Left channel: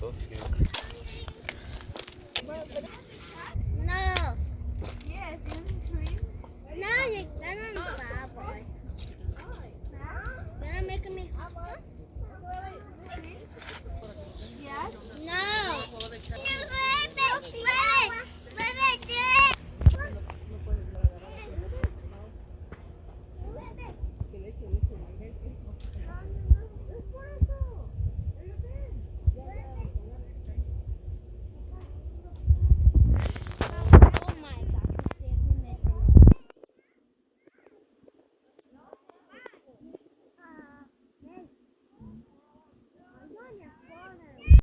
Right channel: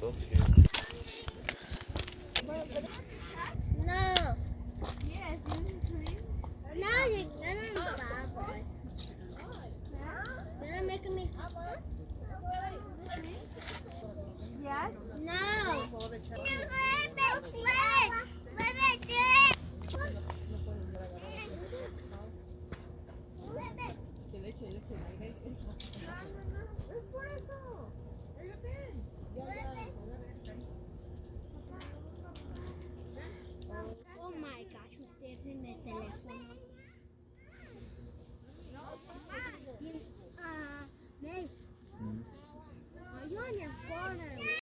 those two. No. No, you're not boy. You're not making me.